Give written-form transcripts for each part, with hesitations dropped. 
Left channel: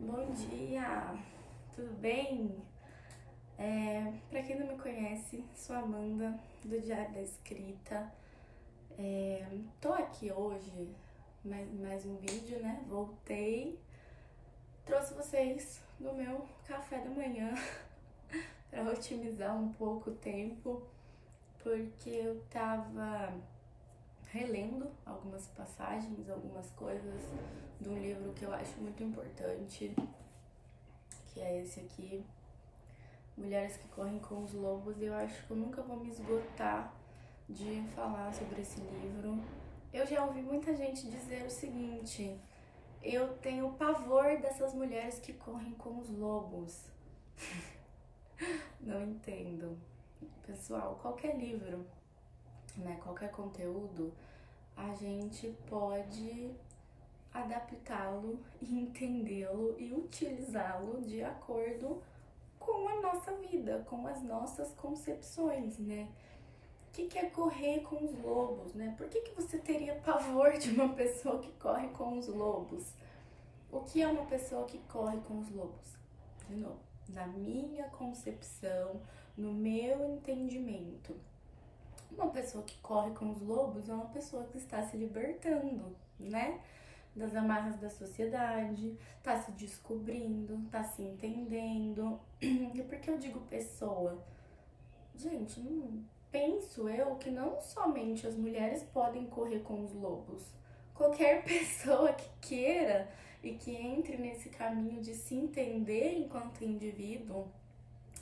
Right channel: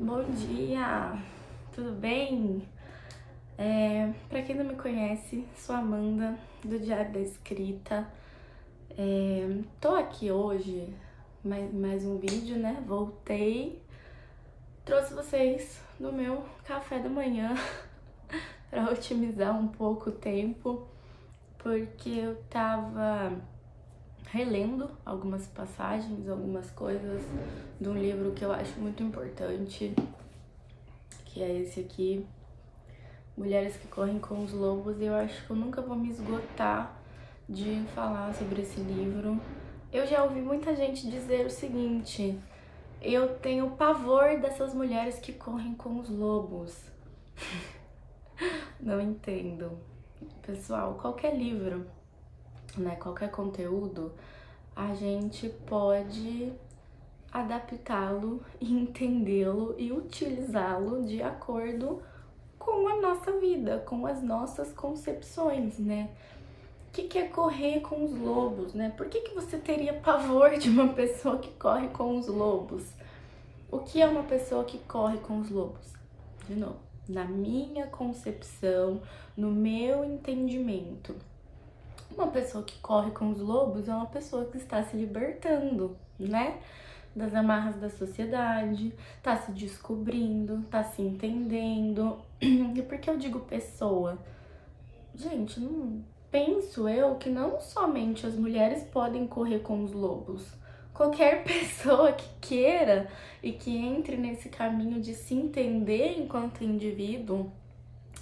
Bom dia, tudo bem? Pra quem não me conhece, sou Amanda, do Diário da Escrita. Tô aqui hoje, mais um vídeo, né? Voltei, trouxe vocês no meu café da manhã pra otimizar um pouco o tempo, porque eu tava relendo algumas passagens, algumas coisas de um livro que eu acho muito importante, que é esse aqui, Mulheres que Correm com os Lobos. E eu acho que eu nunca vou me esgotar de falar sobre esse livro. Eu já ouvi muita gente dizer o seguinte: eu tenho pavor dessas mulheres que correm com os lobos. Não entendo. Pessoal, qualquer livro, né, qualquer conteúdo, a gente pode adaptá-lo e entendê-lo e utilizá-lo de acordo com a nossa vida, com as nossas concepções, né? O que é correr com os lobos, né? Por que você teria pavor de uma pessoa que corre com os lobos? O que é uma pessoa que corre com os lobos? De novo, na minha concepção, no meu entendimento, uma pessoa que corre com os lobos é uma pessoa que está se libertando, né? Das amarras da sociedade, tá se descobrindo, tá se entendendo. E por que eu digo pessoa? Gente, não penso eu que não somente as mulheres podem correr com os lobos. Qualquer pessoa que queira e que entre nesse caminho de se entender enquanto indivíduo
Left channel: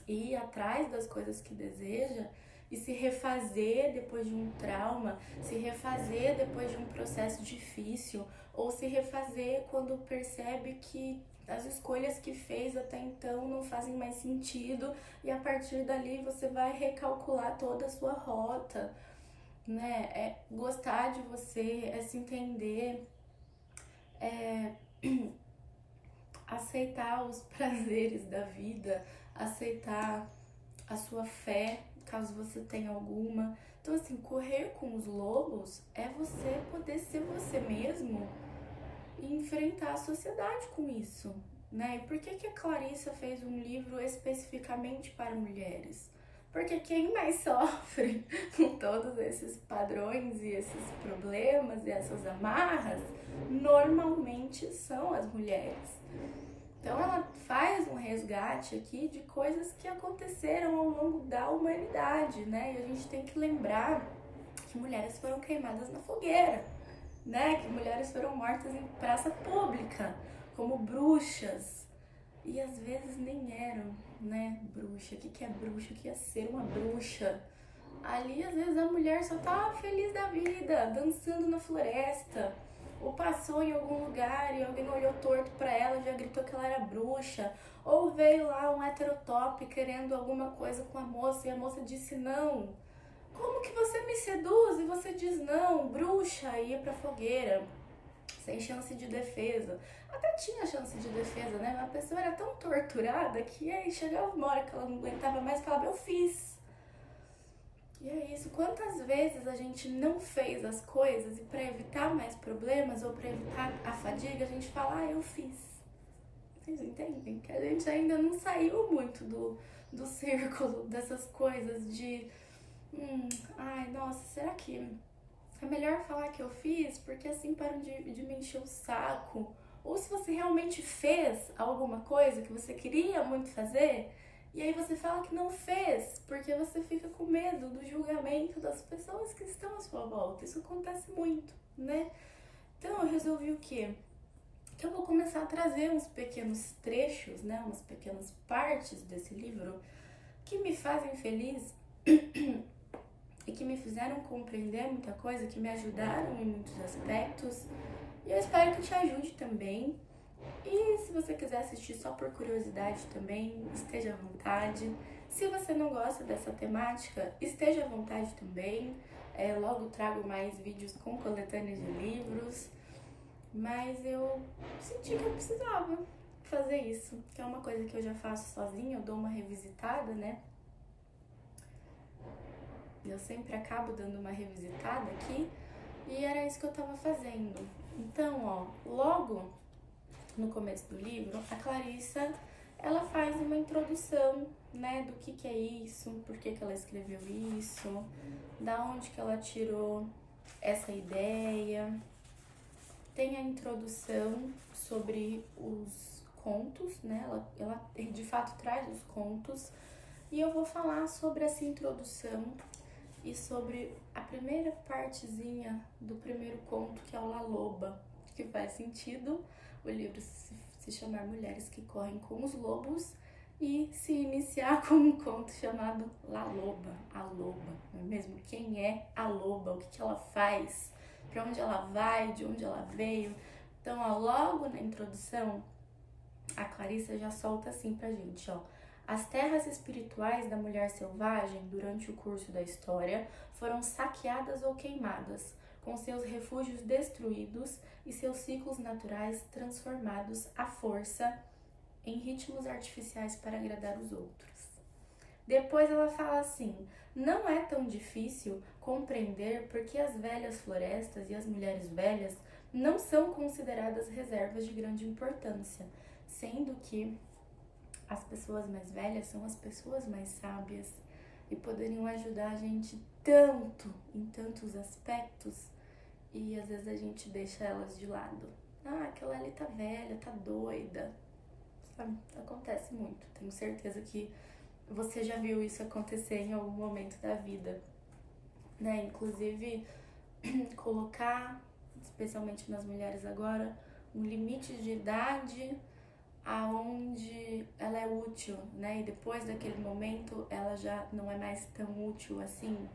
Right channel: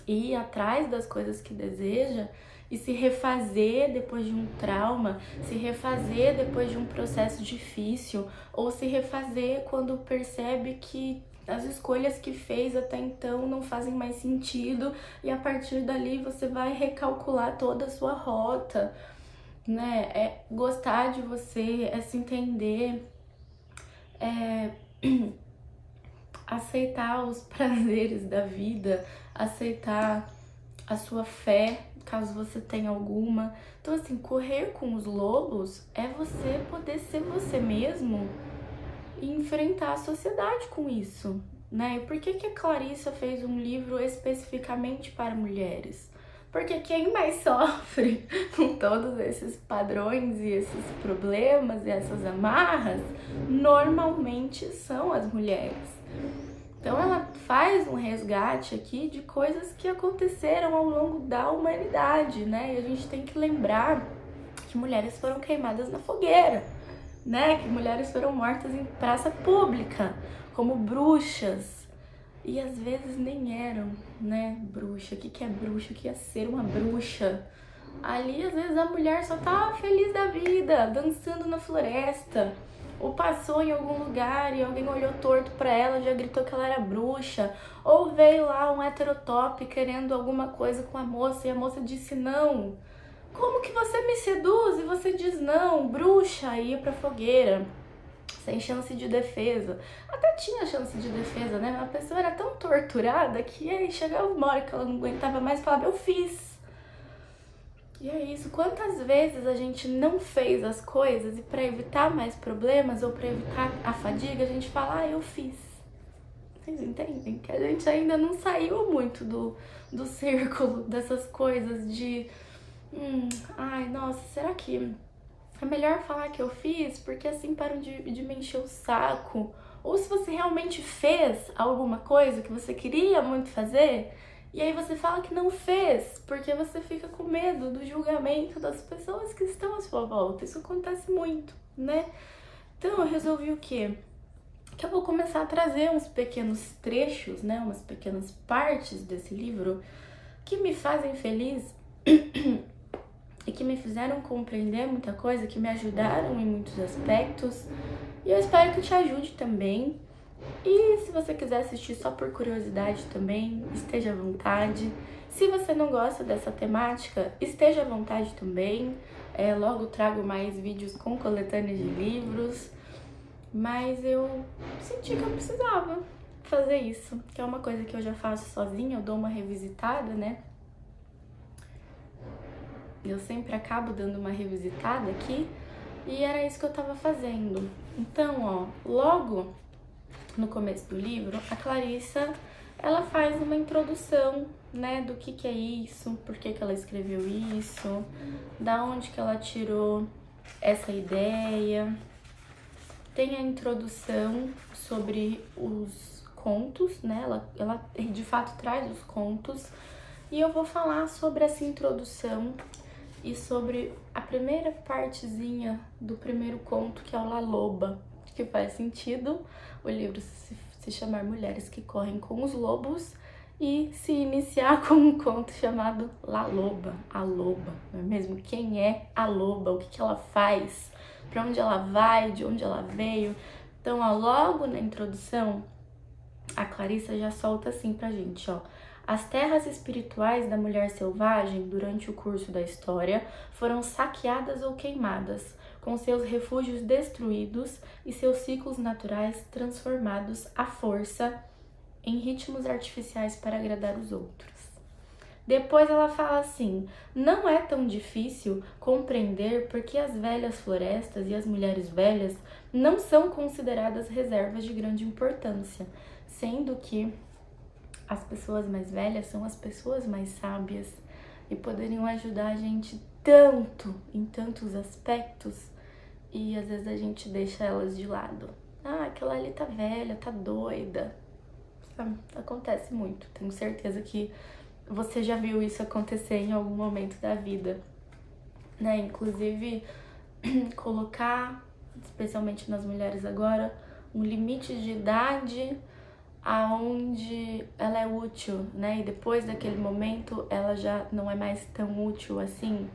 e ir atrás das coisas que deseja e se refazer depois de um trauma, se refazer depois de um processo difícil, ou se refazer quando percebe que as escolhas que fez até então não fazem mais sentido e a partir dali você vai recalcular toda a sua rota, né? É gostar de você, é se entender, é aceitar os prazeres da vida, aceitar a sua fé, caso você tenha alguma. Então, assim, correr com os lobos é você poder ser você mesmo e enfrentar a sociedade com isso, né? E por que a Clarissa fez um livro especificamente para mulheres? Porque quem mais sofre com todos esses padrões e esses problemas e essas amarras normalmente são as mulheres. Então ela faz um resgate aqui de coisas que aconteceram ao longo da humanidade, né? E a gente tem que lembrar que mulheres foram queimadas na fogueira, né? Que mulheres foram mortas em praça pública, como bruxas. E às vezes nem eram, né, bruxa. O que é bruxa? O que é ser uma bruxa? Ali, às vezes, a mulher só tá feliz da vida, dançando na floresta. Ou passou em algum lugar e alguém olhou torto pra ela, já gritou que ela era bruxa. Ou veio lá um heterotop querendo alguma coisa com a moça e a moça disse não. Como que você me seduz e você diz não, bruxa, e ia pra fogueira, sem chance de defesa. Até tinha chance de defesa, né? A pessoa era tão torturada que aí chegava uma hora que ela não aguentava mais e falava, eu fiz. E é isso, quantas vezes a gente não fez as coisas e para evitar mais problemas ou para evitar a fadiga, a gente fala, eu fiz. Vocês entendem? Que a gente ainda não saiu muito do círculo dessas coisas de ai, nossa, será que é melhor falar que eu fiz? Porque assim param de me encher o saco. Ou se você realmente fez alguma coisa que você queria muito fazer, e aí você fala que não fez, porque você fica com medo do julgamento das pessoas que estão à sua volta. Isso acontece muito, né? Então eu resolvi o quê? Que eu vou começar a trazer uns pequenos trechos, né? Umas pequenas partes desse livro que me fazem feliz e que me fizeram compreender muita coisa, que me ajudaram em muitos aspectos. E eu espero que te ajude também. E se você quiser assistir só por curiosidade também, esteja à vontade. Se você não gosta dessa temática, esteja à vontade também. Logo trago mais vídeos com coletâneas de livros. Mas eu senti que eu precisava fazer isso, que é uma coisa que eu já faço sozinha, eu dou uma revisitada, né? Eu sempre acabo dando uma revisitada aqui e era isso que eu tava fazendo. Então, ó, logo no começo do livro, a Clarissa, ela faz uma introdução, né, do que é isso, por que ela escreveu isso, da onde que ela tirou essa ideia. Tem a introdução sobre os contos, né, ela de fato traz os contos, e eu vou falar sobre essa introdução e sobre a primeira partezinha do primeiro conto, que é o La Loba, que faz sentido o livro se chamar Mulheres que Correm com os Lobos e se iniciar com um conto chamado La Loba, a loba, não é mesmo? Quem é a loba? O que ela faz? Para onde ela vai? De onde ela veio? Então, ó, logo na introdução, a Clarissa já solta assim pra gente, ó. As terras espirituais da mulher selvagem, durante o curso da história, foram saqueadas ou queimadas, com seus refúgios destruídos e seus ciclos naturais transformados à força em ritmos artificiais para agradar os outros. Depois ela fala assim: não é tão difícil compreender por que as velhas florestas e as mulheres velhas não são consideradas reservas de grande importância, sendo que as pessoas mais velhas são as pessoas mais sábias e poderiam ajudar a gente tanto, em tantos aspectos, e às vezes a gente deixa elas de lado. Ah, aquela ali tá velha, tá doida. Sabe? Acontece muito. Tenho certeza que você já viu isso acontecer em algum momento da vida, né? Inclusive, colocar, especialmente nas mulheres agora, um limite de idade aonde ela é útil, né? E depois daquele momento ela já não é mais tão útil assim.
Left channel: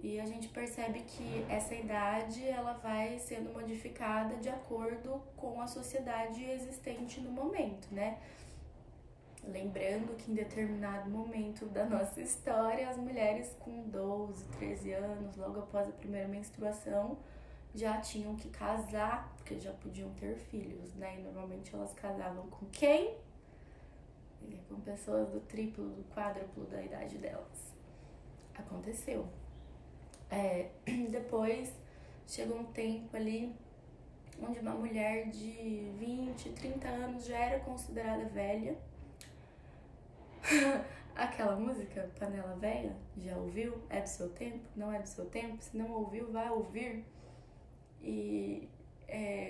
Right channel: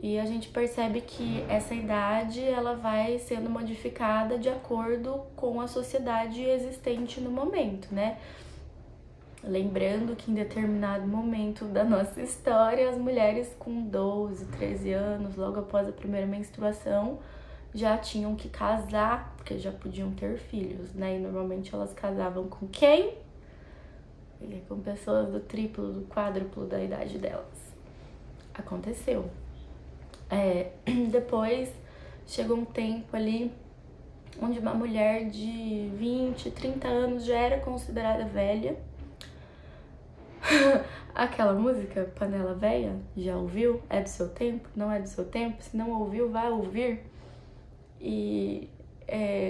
E a gente percebe que essa idade ela vai sendo modificada de acordo com a sociedade existente no momento, né? Lembrando que em determinado momento da nossa história, as mulheres com 12, 13 anos, logo após a primeira menstruação, já tinham que casar, porque já podiam ter filhos, né? E normalmente elas casavam com quem? Com pessoas do triplo, do quádruplo da idade delas. Aconteceu. Depois chegou um tempo ali onde uma mulher de 20, 30 anos já era considerada velha. Aquela música, Panela Véia, já ouviu? É do seu tempo? Não é do seu tempo? Se não ouviu, vai ouvir. E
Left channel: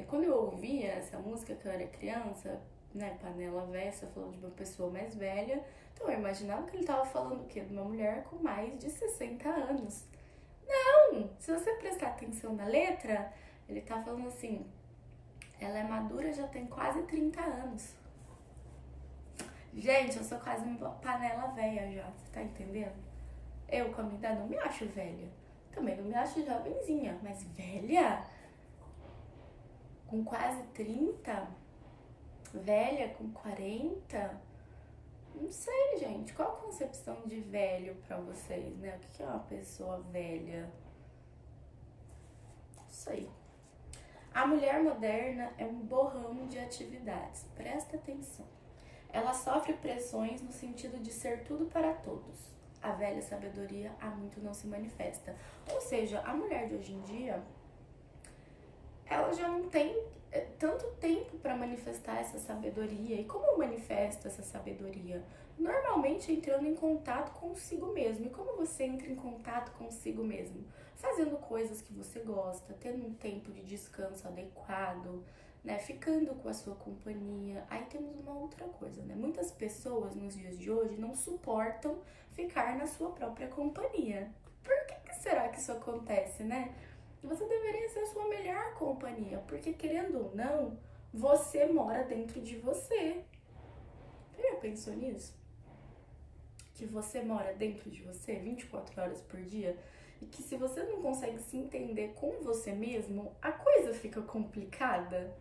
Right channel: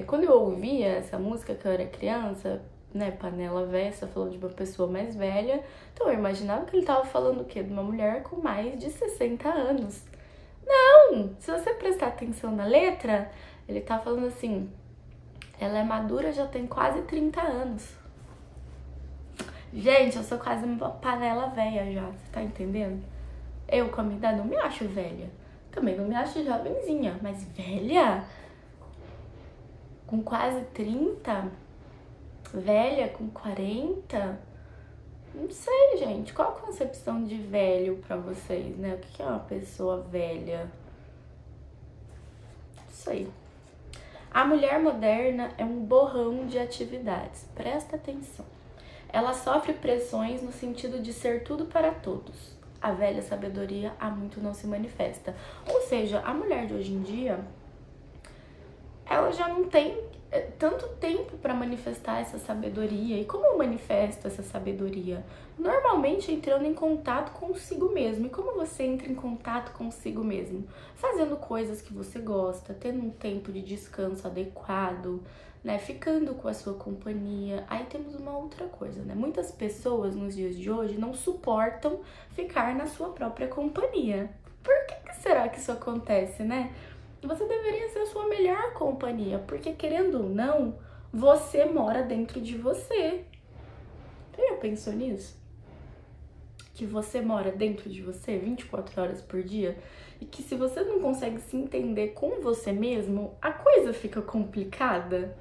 quando eu ouvia essa música, que eu era criança, né, Panela Véia, você falou de uma pessoa mais velha, então eu imaginava que ele tava falando o quê? De uma mulher com mais de 60 anos. Não! Se você prestar atenção na letra, ele tá falando assim, ela é madura, já tem quase 30 anos. Gente, eu sou quase uma panela velha já, você tá entendendo? Eu, com a minha idade, não me acho velha. Também não me acho jovenzinha, mas velha? Com quase 30? Velha com 40? Não sei, gente. Qual a concepção de velho pra vocês, né? O que é uma pessoa velha? Não sei. A mulher moderna é um borrão de atividades. Presta atenção. Ela sofre pressões no sentido de ser tudo para todos. A velha sabedoria há muito não se manifesta. Ou seja, a mulher de hoje em dia, ela já não tem tanto tempo para manifestar essa sabedoria. E como eu manifesto essa sabedoria? Normalmente entrando em contato consigo mesmo. E como você entra em contato consigo mesmo? Fazendo coisas que você gosta, tendo um tempo de descanso adequado, né? Ficando com a sua companhia. Aí temos uma outra coisa, né? Muitas pessoas nos dias de hoje não suportam ficar na sua própria companhia. Por que será que isso acontece, né? Você deveria ser a sua melhor companhia, porque querendo ou não, você mora dentro de você. Você já pensou nisso? Que você mora dentro de você 24 horas por dia? E que se você não consegue se entender com você mesmo, a coisa fica complicada,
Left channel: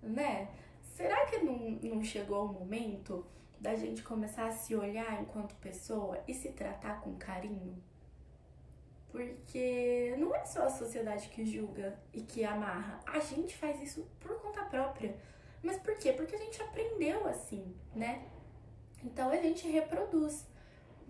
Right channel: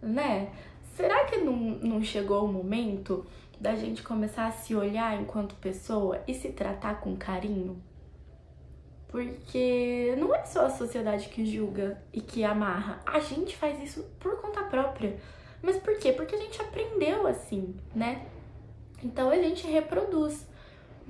né? Será que não chegou o momento da gente começar a se olhar enquanto pessoa e se tratar com carinho? Porque não é só a sociedade que julga e que amarra. A gente faz isso por conta própria. Mas por quê? Porque a gente aprendeu assim, né? Então a gente reproduz.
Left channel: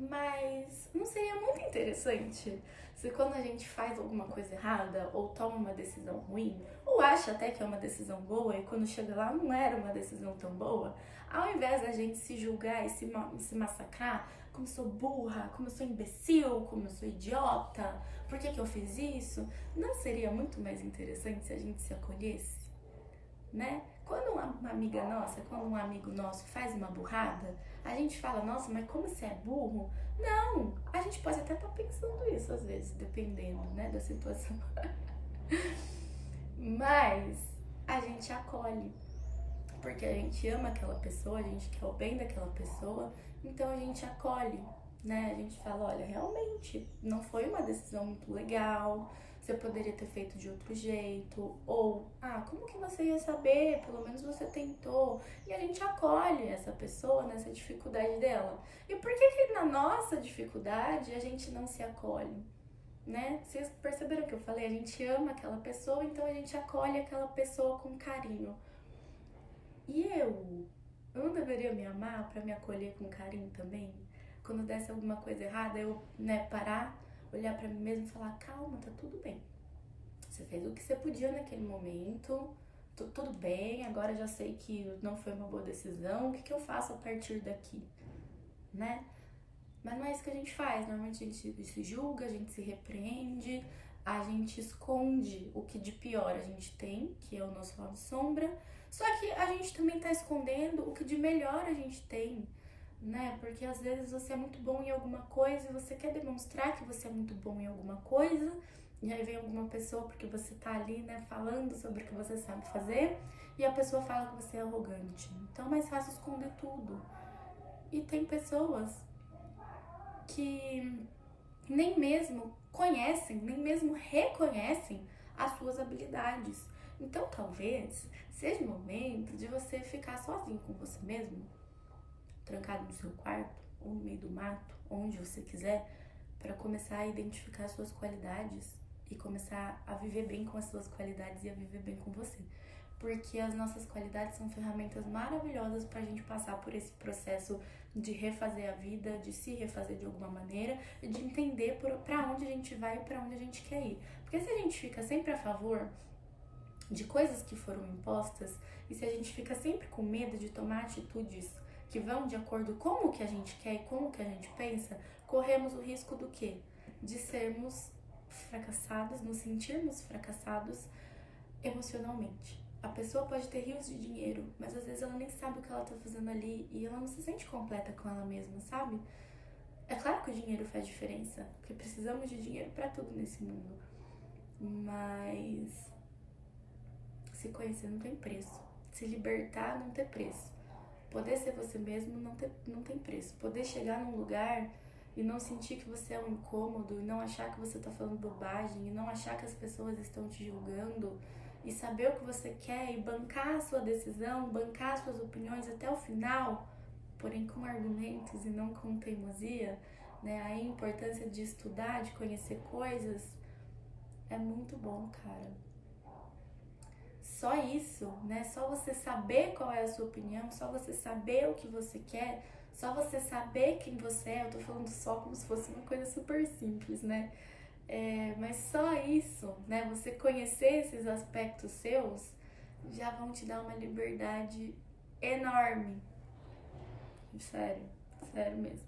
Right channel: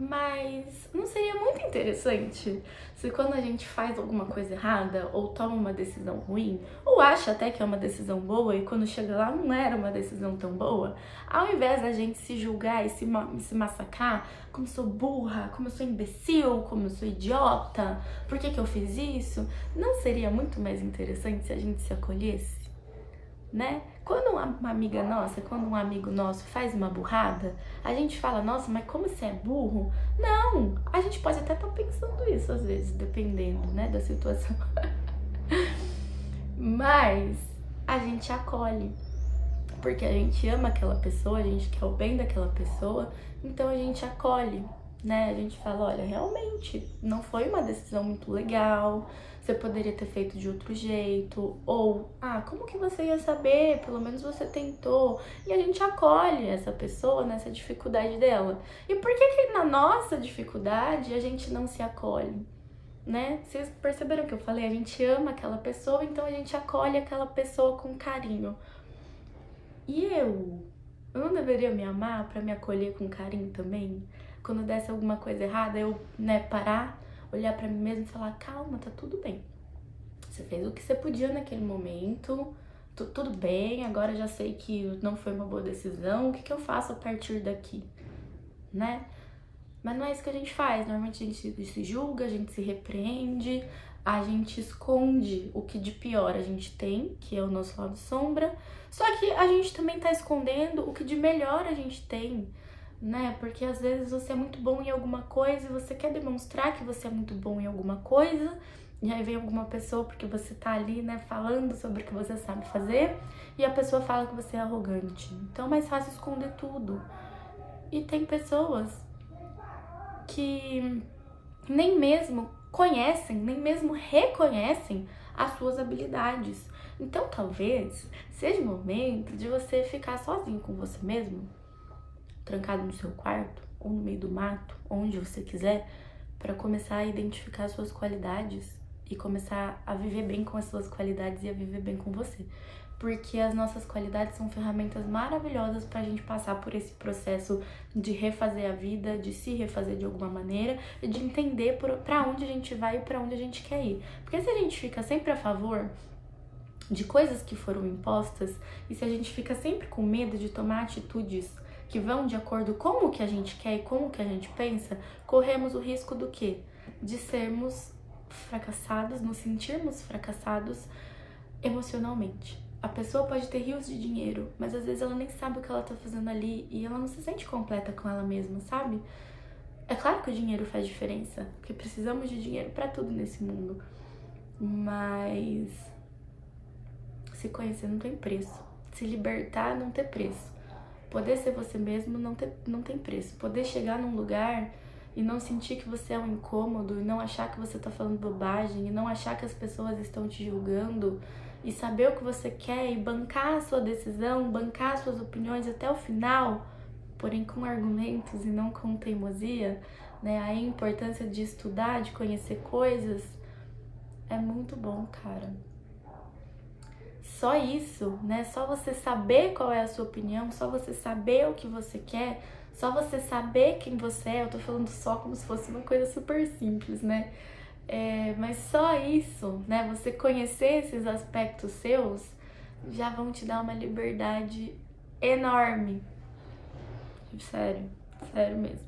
Mas não seria muito interessante se quando a gente faz alguma coisa errada, ou toma uma decisão ruim, ou acha até que é uma decisão boa e quando chega lá não era uma decisão tão boa, ao invés da gente se julgar e se massacrar, como eu sou burra, como eu sou imbecil, como eu sou idiota, por que eu fiz isso? Não seria muito mais interessante se a gente se acolhesse? Né? Quando uma amiga nossa, quando um amigo nosso faz uma burrada, a gente fala, nossa, mas como você é burro? Não, a gente pode até estar pensando isso às vezes, dependendo, né, da situação. Mas a gente acolhe, porque a gente ama aquela pessoa, a gente quer o bem daquela pessoa, então a gente acolhe, né? A gente fala, olha, realmente não foi uma decisão muito legal, você poderia ter feito de outro jeito, ou, como que você ia saber? Pelo menos você tentou. E a gente acolhe essa pessoa nessa dificuldade dela. E por que na nossa dificuldade a gente não se acolhe? Né? Vocês perceberam que eu falei? A gente ama aquela pessoa, então a gente acolhe aquela pessoa com carinho. E eu não deveria me amar pra me acolher com carinho também? Quando desse alguma coisa errada, eu, parar, olhar pra mim mesmo e falar, calma, tá tudo bem. Você fez o que você podia naquele momento, tudo bem, agora já sei que não foi uma boa decisão, o que eu faço a partir daqui, né? Mas não é isso que a gente faz, normalmente a gente se julga, a gente se repreende, a gente esconde o que de pior a gente tem, que é o nosso lado sombra, só que a gente também tá escondendo o que de melhor a gente tem, né? Porque às vezes você é muito bom em alguma coisa e você quer demonstrar que você é muito bom em alguma coisa, e aí vem alguma pessoa porque você tá ali, né, falando sobre o que você sabe fazer, e a pessoa fala que você é arrogante. Então é mais fácil esconder tudo. E tem pessoas que nem mesmo conhecem, nem mesmo reconhecem as suas habilidades. Então talvez seja o momento de você ficar sozinho com você mesmo, trancado no seu quarto, ou no meio do mato, onde você quiser, para começar a identificar as suas qualidades e começar a viver bem com as suas qualidades e a viver bem com você. Porque as nossas qualidades são ferramentas maravilhosas pra gente passar por esse processo de refazer a vida, de se refazer de alguma maneira e de entender pra onde a gente vai e pra onde a gente quer ir. Porque se a gente fica sempre a favor de coisas que foram impostas e se a gente fica sempre com medo de tomar atitudes que vão de acordo com o que a gente quer e com o que a gente pensa, corremos o risco do quê? De sermos fracassados, nos sentirmos fracassados emocionalmente. A pessoa pode ter rios de dinheiro, mas às vezes ela nem sabe o que ela tá fazendo ali e ela não se sente completa com ela mesma, sabe? É claro que o dinheiro faz diferença, porque precisamos de dinheiro pra tudo nesse mundo, mas se conhecer não tem preço, se libertar não tem preço, poder ser você mesmo não tem preço, poder chegar num lugar e não sentir que você é um incômodo, e não achar que você tá falando bobagem, e não achar que as pessoas estão te julgando, e saber o que você quer e bancar a sua decisão, bancar as suas opiniões até o final, porém com argumentos e não com teimosia, né? Aí a importância de estudar, de conhecer coisas, é muito bom, cara. Só isso, né? Só você saber qual é a sua opinião, só você saber o que você quer, só você saber quem você é. Eu tô falando só como se fosse uma coisa super simples, né? Mas só isso, né? Você conhecer esses aspectos seus já vão te dar uma liberdade enorme. Sério, sério mesmo.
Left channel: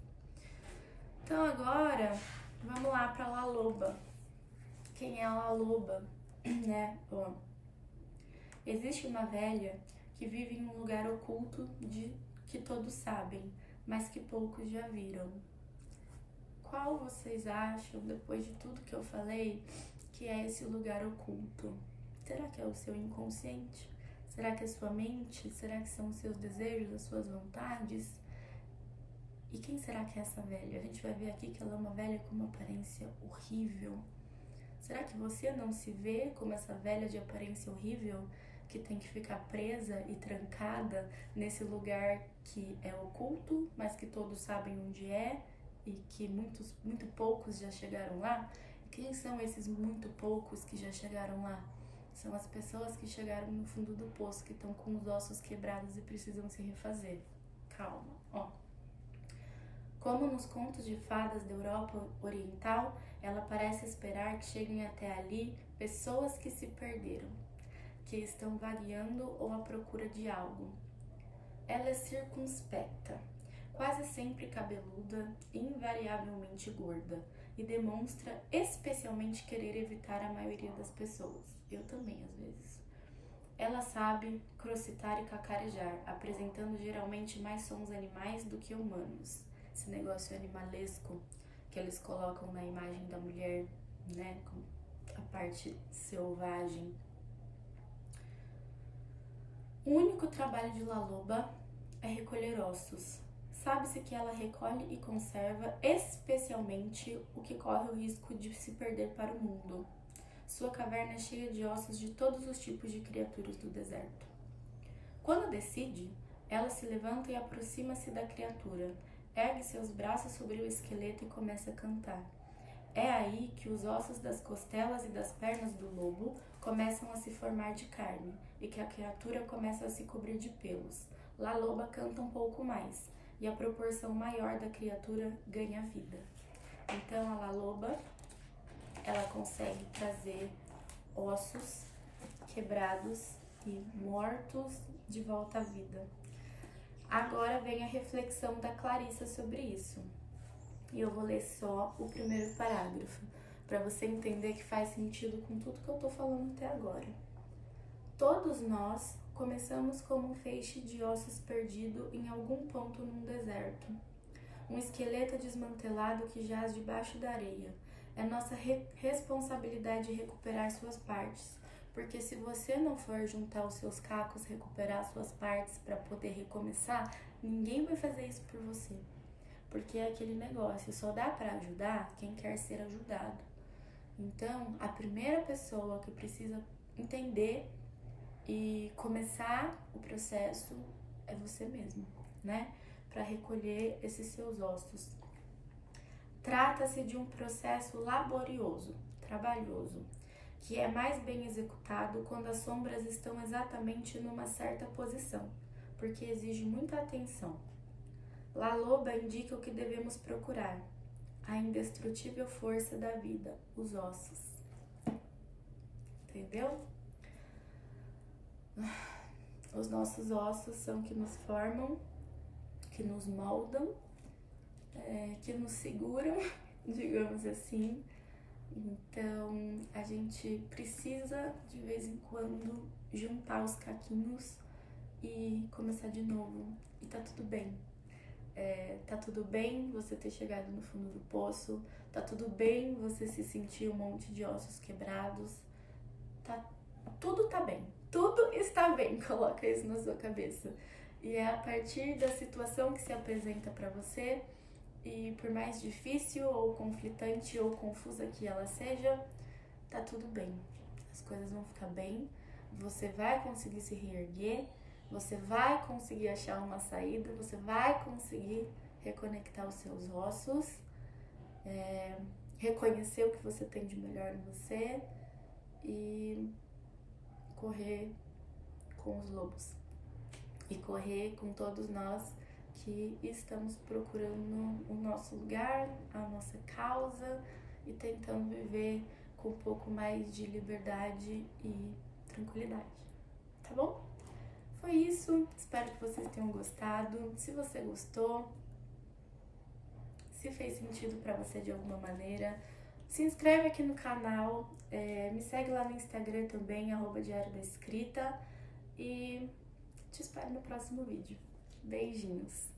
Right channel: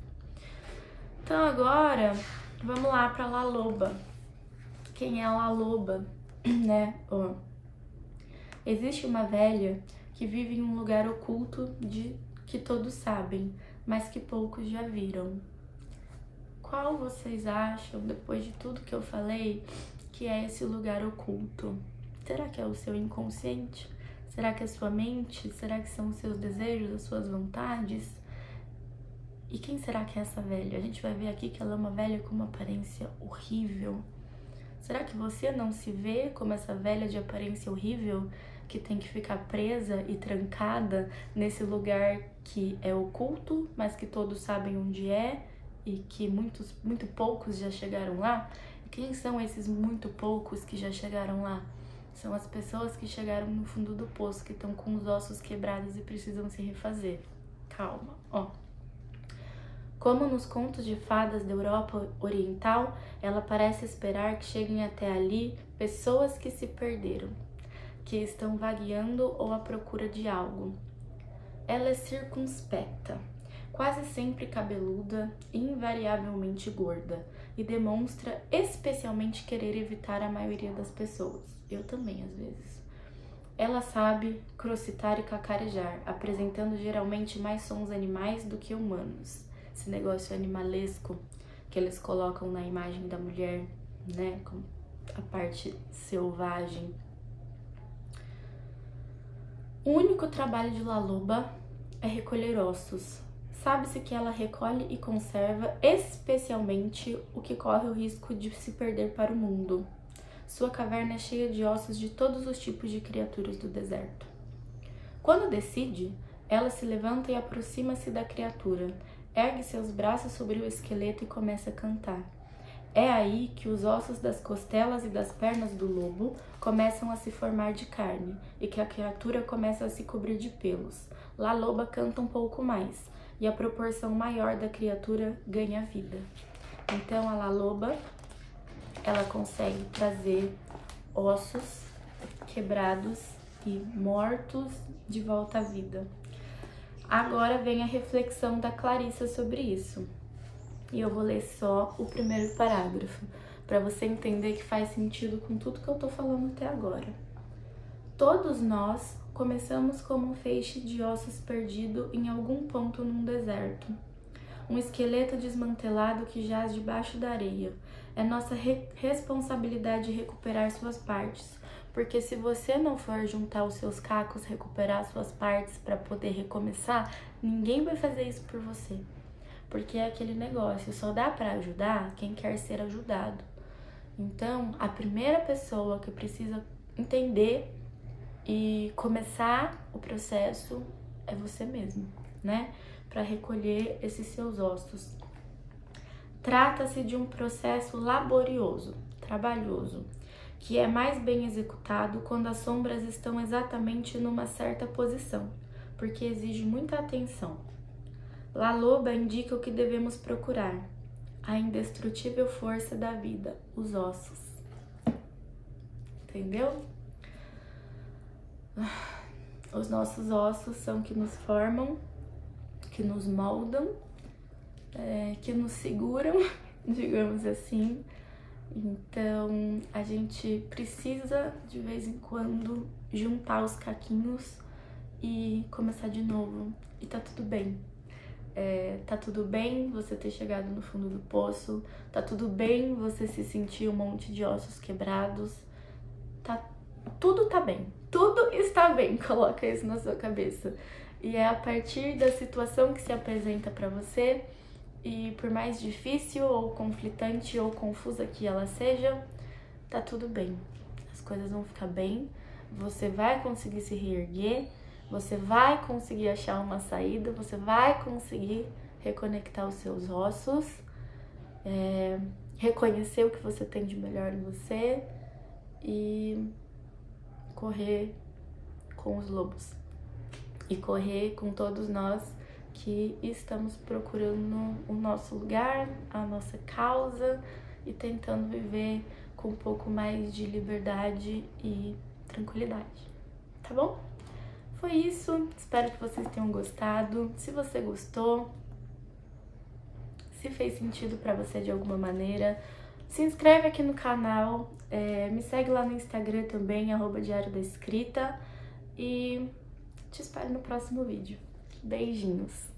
Então agora, vamos lá pra La Loba. Quem é a La Loba, né? Existe uma velha que vive em um lugar oculto de que todos sabem, mas que poucos já viram. Qual vocês acham, depois de tudo que eu falei, que é esse lugar oculto? Será que é o seu inconsciente? Será que é a sua mente? Será que são os seus desejos, as suas vontades? E quem será que é essa velha? A gente vai ver aqui que ela é uma velha com uma aparência horrível. Será que você não se vê como essa velha de aparência horrível que tem que ficar presa e trancada nesse lugar que é oculto, mas que todos sabem onde é e que muito poucos já chegaram lá? E quem são esses muito poucos que já chegaram lá? São as pessoas que chegaram no fundo do poço, que estão com os ossos quebrados e precisam se refazer. Calma, ó. Como nos contos de fadas da Europa Oriental, ela parece esperar que cheguem até ali pessoas que se perderam, que estão vagueando ou à procura de algo. Ela é circunspecta, quase sempre cabeluda e invariavelmente gorda, e demonstra especialmente querer evitar a maioria das pessoas. Eu também, às vezes. Ela sabe crocitar e cacarejar, apresentando geralmente mais sons animais do que humanos. Esse negócio animalesco que eles colocam na imagem da mulher, né, com a parte selvagem. O único trabalho de La Loba é recolher ossos. Sabe-se que ela recolhe e conserva especialmente o que corre o risco de se perder para o mundo. Sua caverna é cheia de ossos de todos os tipos de criaturas do deserto. Quando decide, ela se levanta e aproxima-se da criatura, ergue seus braços sobre o esqueleto e começa a cantar. É aí que os ossos das costelas e das pernas do lobo começam a se formar de carne e que a criatura começa a se cobrir de pelos. La Loba canta um pouco mais e a proporção maior da criatura ganha vida. Então a La Loba, ela consegue trazer ossos quebrados e mortos de volta à vida. Agora vem a reflexão da Clarissa sobre isso. E eu vou ler só o primeiro parágrafo, para você entender que faz sentido com tudo que eu tô falando até agora. Todos nós começamos como um feixe de ossos perdido em algum ponto num deserto. Um esqueleto desmantelado que jaz debaixo da areia. É nossa responsabilidade recuperar suas partes, porque se você não for juntar os seus cacos, recuperar suas partes para poder recomeçar, ninguém vai fazer isso por você. Porque é aquele negócio, só dá para ajudar quem quer ser ajudado. Então, a primeira pessoa que precisa entender e começar o processo é você mesmo, né? Para recolher esses seus ossos. Trata-se de um processo laborioso, trabalhoso, que é mais bem executado quando as sombras estão exatamente numa certa posição, porque exige muita atenção. La Loba indica o que devemos procurar, a indestrutível força da vida, os ossos. Entendeu? Os nossos ossos são que nos formam, que nos moldam, que nos seguram, digamos assim. Então, a gente precisa, de vez em quando, juntar os caquinhos e começar de novo. E tá tudo bem. Tá tudo bem você ter chegado no fundo do poço. Tá tudo bem você se sentir um monte de ossos quebrados. Tudo tá bem. Tudo está bem. Coloca isso na sua cabeça. E é a partir da situação que se apresenta pra você, e por mais difícil ou conflitante ou confusa que ela seja, tá tudo bem. As coisas vão ficar bem, você vai conseguir se reerguer, você vai conseguir achar uma saída, você vai conseguir reconectar os seus ossos, reconhecer o que você tem de melhor em você e correr com os lobos. E correr com todos nós que estamos procurando o nosso lugar, a nossa causa e tentando viver com um pouco mais de liberdade e tranquilidade, tá bom? Foi isso, espero que vocês tenham gostado. Se você gostou, se fez sentido pra você de alguma maneira, se inscreve aqui no canal, me segue lá no Instagram também, @Diário da Escrita, e te espero no próximo vídeo. Beijinhos!